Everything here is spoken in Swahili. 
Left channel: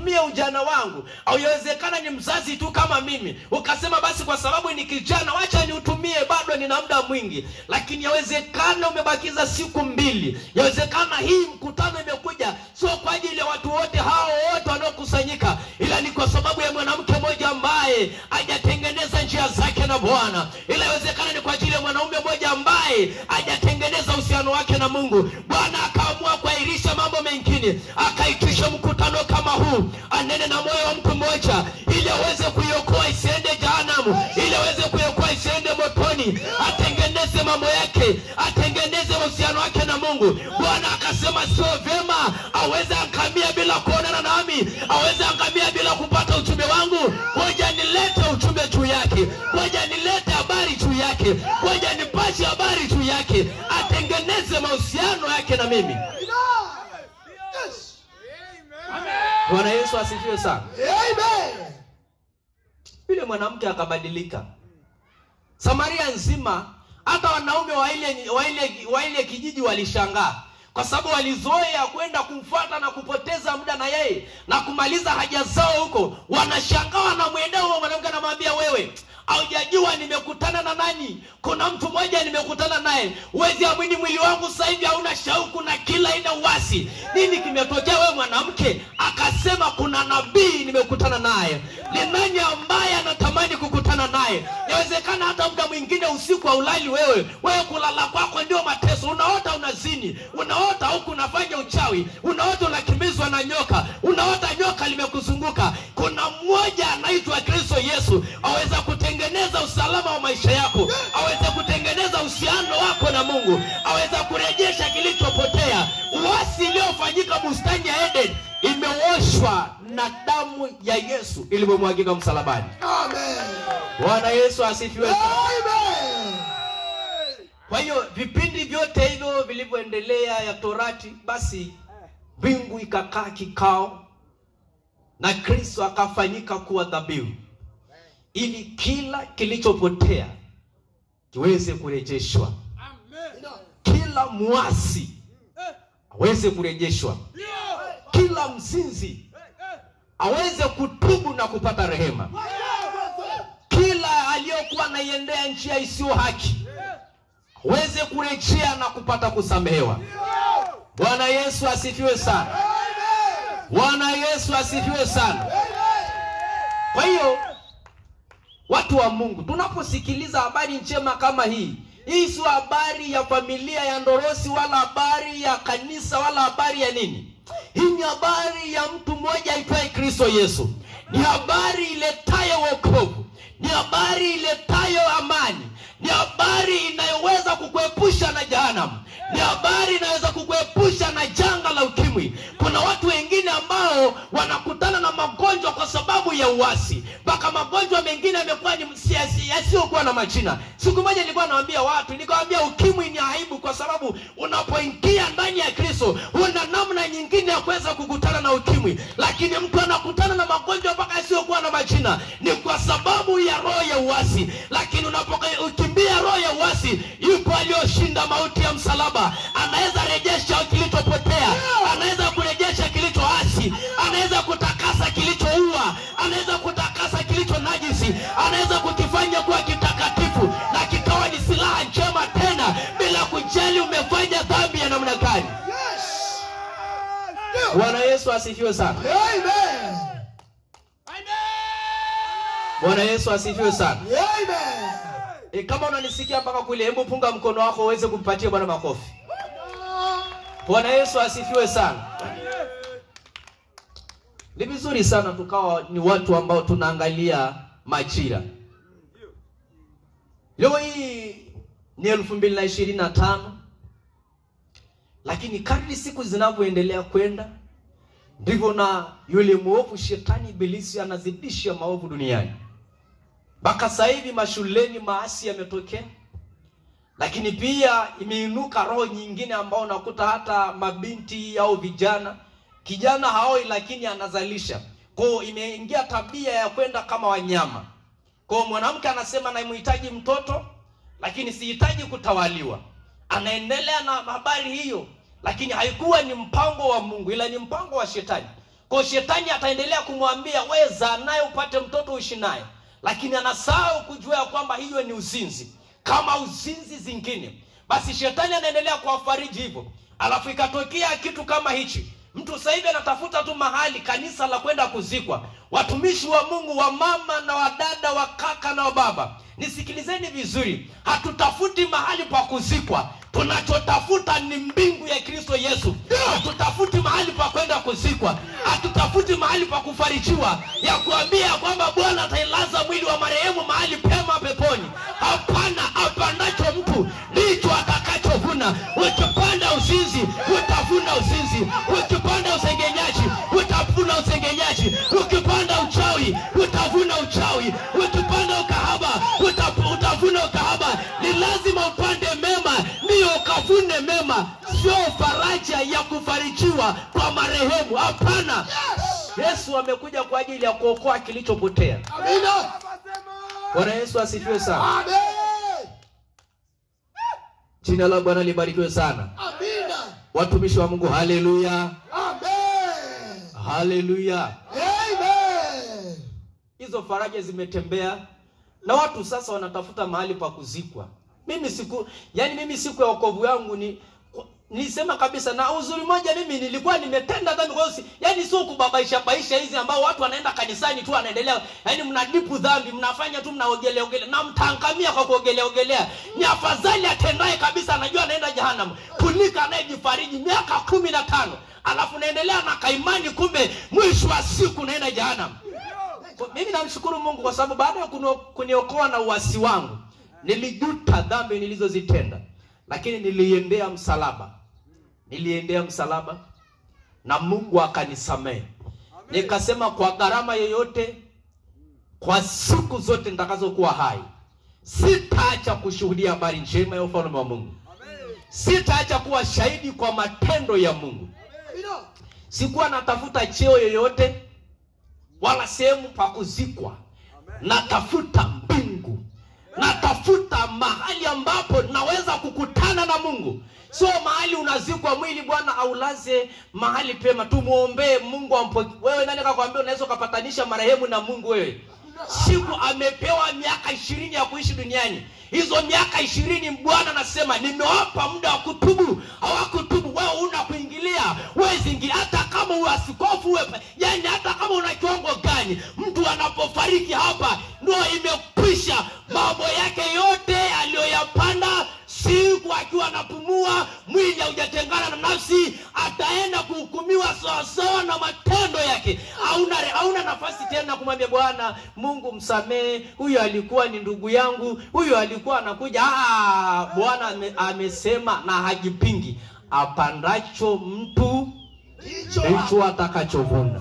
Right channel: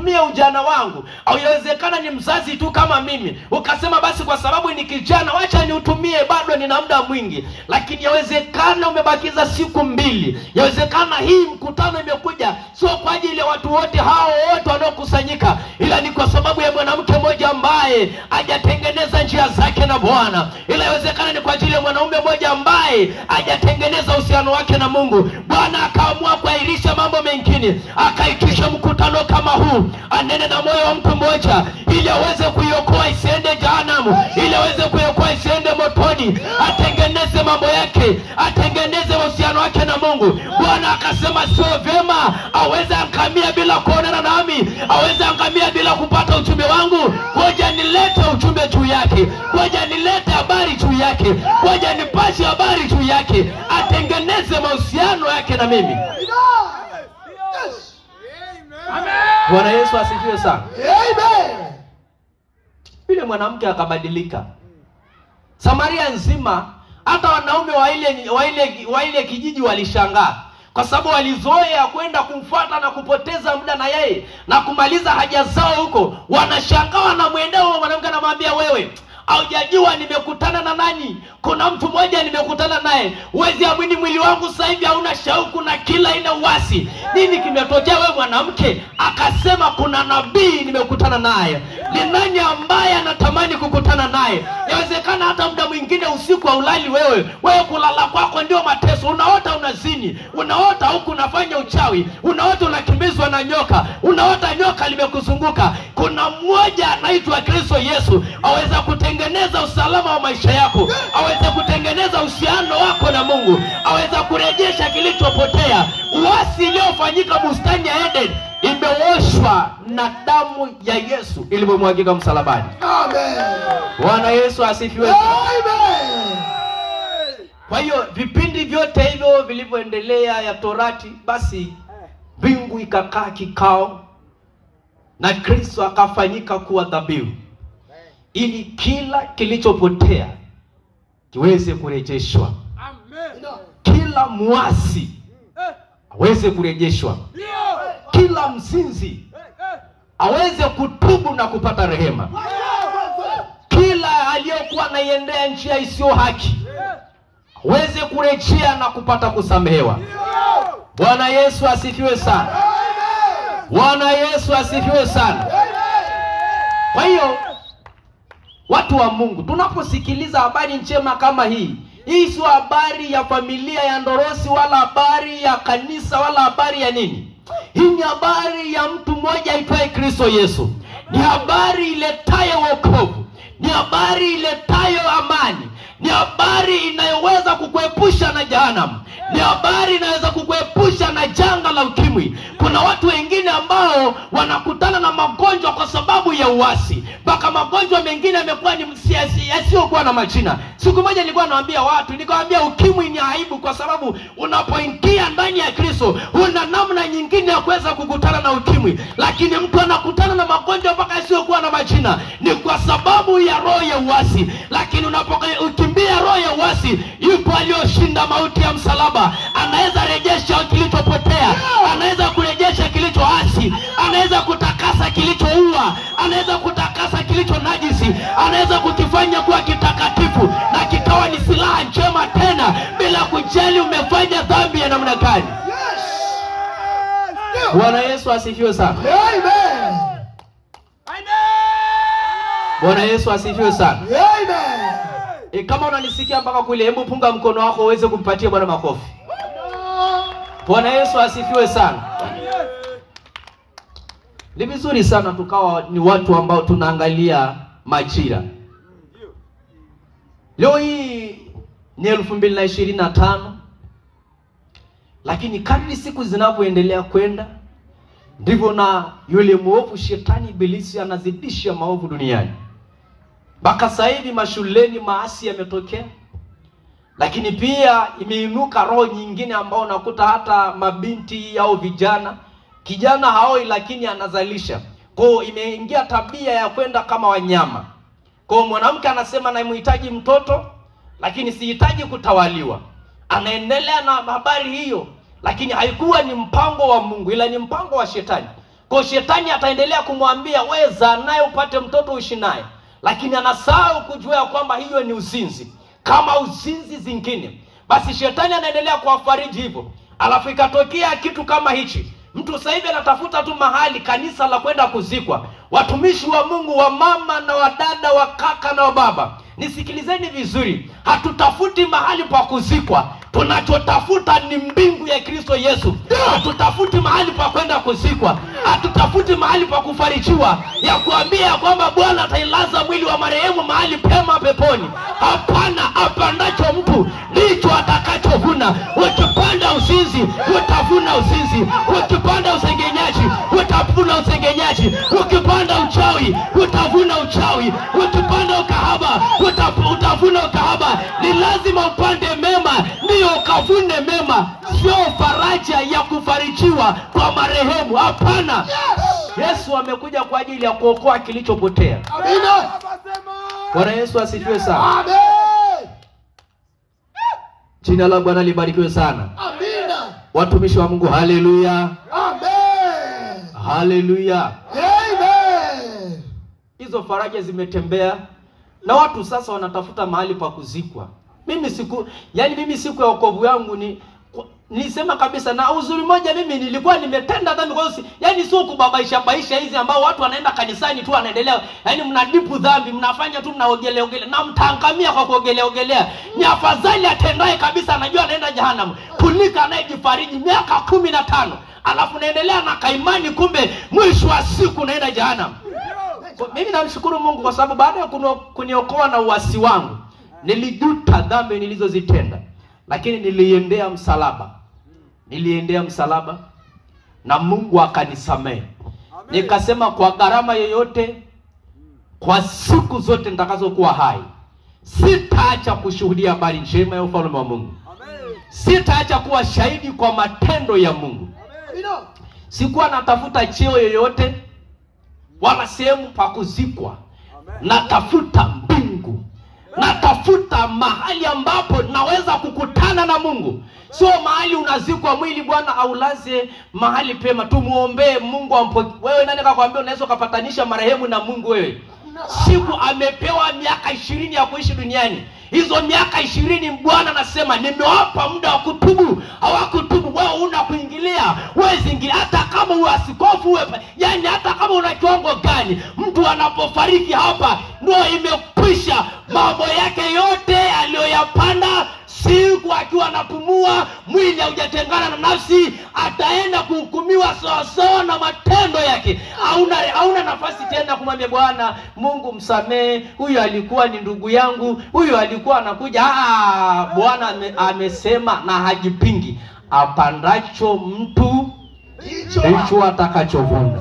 nitumie ujana wangu. Au yawezekana ni mzazi tu kama mimi, ukasema basi kwa sababu ni kijana wacha niutumie, bado nina muda mwingi. Lakini yawezekana umebakiza siku 2. Yawezekana hii mkutano imekuja sio kwa ajili ya watu wote hao wote wanaokusanyika, ila ni kwa sababu ya mwanamke mmoja ambaye hajatengeneza njia zake na Bwana. Ila yawezekana ni kwa ajili ya mwanaume mmoja ambaye hajatengeneza uhusiano wake na Mungu. Bwana akaamua kuahirisha mambo mengine, akaitisha mkutano kama huu, anene na moyo wa mtu mmoja ili aweze kuiokoa isiende jehanamu, ili aweze kuiokoa isiende motoni, atengeneze mambo yake, atengeneze uhusiano wake na Mungu. Bwana akasema sio vyema aweze angamia bila kuonana nami, aweze angamia bila kupata ujumbe wangu. Ngoja nilete ujumbe juu yake, ngoja nilete habari juu yake, ngoja nipashe habari juu yake, atengeneze mahusiano yake na mimi. Bwana Yesu asifiwe sana. Amen. Yule mwanamke akabadilika. Samaria nzima, hata wanaume wa ile kijiji walishangaa, kwa sababu walizoea kwenda kumfuata na kupoteza muda na yeye na kumaliza haja zao huko. Wanashangaa na mwendeo huo mwanamke, anamwambia wewe, haujajua nimekutana na nani? Kuna mtu mmoja nimekutana naye. Uwezi amini mwili wangu sasa hivi hauna shauku na kila ina uasi. Nini kimetokea wewe mwanamke? Akasema kuna nabii nimekutana naye. Ni nani ambaye anatamani kukutana naye? Inawezekana hata muda mwingine usiku haulali wewe kulala kwako ndio mateso. Unaota unazini, unaota huku unafanya uchawi, unaota unakimbizwa na nyoka, unaota nyoka limekuzunguka. Kuna mmoja anaitwa Kristo Yesu, aweza kutengeneza usalama wa maisha yako, aweza kutengeneza uhusiano wako na Mungu, aweza kurejesha kilichopotea. Uasi uliofanyika bustani ya Eden imeoshwa na damu ya Yesu iliyomwagika msalabani. Amen. Bwana Yesu asifiwe. Amen. Kwa hiyo vipindi vyote hivyo vilivyoendelea ya Torati, basi mbingu ikakaa kikao na Kristo akafanyika kuwa dhabihu ili kila kilichopotea kiweze kurejeshwa. Amen. Kila muasi aweze kurejeshwa, kila mzinzi aweze kutubu na kupata rehema, kila aliyokuwa anaiendea njia isiyo haki aweze kurejea na kupata kusamehewa. Bwana Yesu asifiwe sana. Bwana Yesu asifiwe sana. Kwa hiyo watu wa Mungu, tunaposikiliza habari njema kama hii sio habari ya familia ya Ndorosi, wala habari ya kanisa, wala habari ya nini. Hii ni habari ya mtu mmoja aitwaye Kristo Yesu. Ni habari iletayo wokovu, ni habari iletayo amani, ni habari inayoweza kukuepusha na jehanamu, ni habari inaweza kukuepusha na janga la ukimwi. Kuna watu wengine ambao wanakutana na magonjwa kwa sababu ya uasi, mpaka magonjwa mengine yamekuwa ni yasiyokuwa na majina. Siku moja nilikuwa naambia watu, nikamwambia ukimwi ni aibu, kwa sababu unapoingia ndani ya Kristo una namna nyingine ya kuweza kukutana na ukimwi. Lakini mtu anakutana na magonjwa mpaka yasiyokuwa na majina ni kwa sababu ya roho ya uasi. Lakini unapokimbia roho ya uasi, yupo aliyoshinda mauti ya msalaba. Anaweza rejesha kilichopotea, anaweza kurejesha kilichoasi, anaweza kutakasa kilichoua, anaweza kutakasa kilicho najisi, anaweza kukifanya kuwa kitakatifu na kikawa ni silaha njema tena, bila kujali umefanya dhambi ya namna gani. Bwana Yesu asifiwe sana. Amen. Bwana Yesu asifiwe sana. Amen. Kama unanisikia mpaka kule, hebu punga mkono wako uweze kumpatia Bwana makofi. Bwana Yesu asifiwe sana. Ni vizuri sana tukawa ni watu ambao tunaangalia majira. Leo hii ni 2025, lakini kadri siku zinavyoendelea kwenda ndivyo na yule mwovu shetani ibilisi anazidisha maovu duniani. Mpaka sasa hivi mashuleni maasi yametokea, lakini pia imeinuka roho nyingine ambao unakuta hata mabinti au vijana, kijana haoi lakini anazalisha. Kwa hiyo imeingia tabia ya kwenda kama wanyama. Kwa hiyo mwanamke anasema namhitaji mtoto lakini sihitaji kutawaliwa. Anaendelea na habari hiyo, lakini haikuwa ni mpango wa Mungu ila ni mpango wa shetani. Kwa shetani ataendelea kumwambia weza naye upate mtoto uishi naye, lakini anasahau kujua kwamba hiyo ni uzinzi kama uzinzi zingine. Basi shetani anaendelea kuwafariji hivyo. Alafu ikatokea kitu kama hichi. Mtu sasa hivi anatafuta tu mahali kanisa la kwenda kuzikwa. Watumishi wa Mungu, wa mama na wadada, wa kaka na wa baba, nisikilizeni vizuri. Hatutafuti mahali pa kuzikwa. Tunachotafuta ni mbingu ya Kristo Yesu. Hatutafuti mahali pa kwenda kuzikwa. Hatutafuti mahali pa kufarijiwa, ya kuambia kwamba Bwana atailaza mwili wa marehemu mahali pema peponi. Hapana, apandacho mtu ndicho atakachovuna. Ukipanda uzinzi, utavuna uzinzi. Ukipanda usengenyaji, utavuna usengenyaji. Ukipanda uchawi, utavuna uchawi. Ukipanda ukahaba, utavuna ukahaba. Ni lazima upande mema ndio ukavune mema, sio faraja ya kufarijiwa kwa marehemu. Hapana. Yesu amekuja kwa ajili ya kuokoa kilichopotea. Amina. Bwana Yesu asifiwe sana. Amen. Jina la Bwana libarikiwe sana. Amina. Watumishi wa Mungu, haleluya. Amen. Haleluya. Amen. Hizo faraja zimetembea na watu sasa wanatafuta mahali pa kuzikwa. Mimi siku ya wokovu yangu nilisema kabisa, na uzuri moja, mimi nilikuwa nimetenda dhambi. Kwa hiyo sio kubabaisha hizi ambao watu wanaenda kanisani tu wanaendelea, mnadipu dhambi, mnafanya tu mnaogelea na mtaangamia kwa kuogelea. Ni afadhali atendaye kabisa anajua anaenda jehanamu kuliko anayejifariji miaka 15 alafu naendelea na kaimani, kumbe mwisho wa siku naenda jehanamu. Mimi namshukuru Mungu kwa sababu baada ya kuniokoa na uasi wangu, nilijuta dhambi nilizozitenda, lakini niliendea msalaba na Mungu akanisamehe. Nikasema kwa gharama yoyote, kwa siku zote nitakazokuwa hai, sitaacha kushuhudia habari njema ya ufalme wa Mungu. Sitaacha kuwa shahidi kwa matendo ya Mungu. Sikuwa natafuta cheo yoyote wala sehemu pa kuzikwa. Natafuta mbingu. Natafuta mahali ambapo naweza kukutana na Mungu. Sio mahali unazikwa mwili Bwana aulaze mahali pema tumuombe Mungu ampoke. Wewe nani kakwambia unaweza kupatanisha marehemu na Mungu wewe? Siku amepewa miaka 20 ya kuishi duniani. Hizo miaka 20 Bwana anasema nimewapa muda wa kutubu. Hawakutubu, wewe una kuingilia. Wewe zingilia hata kama uasikofu wewe. Hata kama una kiwango gani, mtu anapofariki hapa ndio imekwisha. Mambo yake yote aliyoyapanda siku akiwa anapumua, mwili haujatengana na nafsi, ataenda kuhukumiwa sawa na matendo yake. Hauna nafasi tena kumwambia Bwana Mungu msamehe, huyu alikuwa ni ndugu yangu, huyu alikuwa anakuja. Bwana amesema na hajipingi, apandacho mtu ndicho atakachovuna.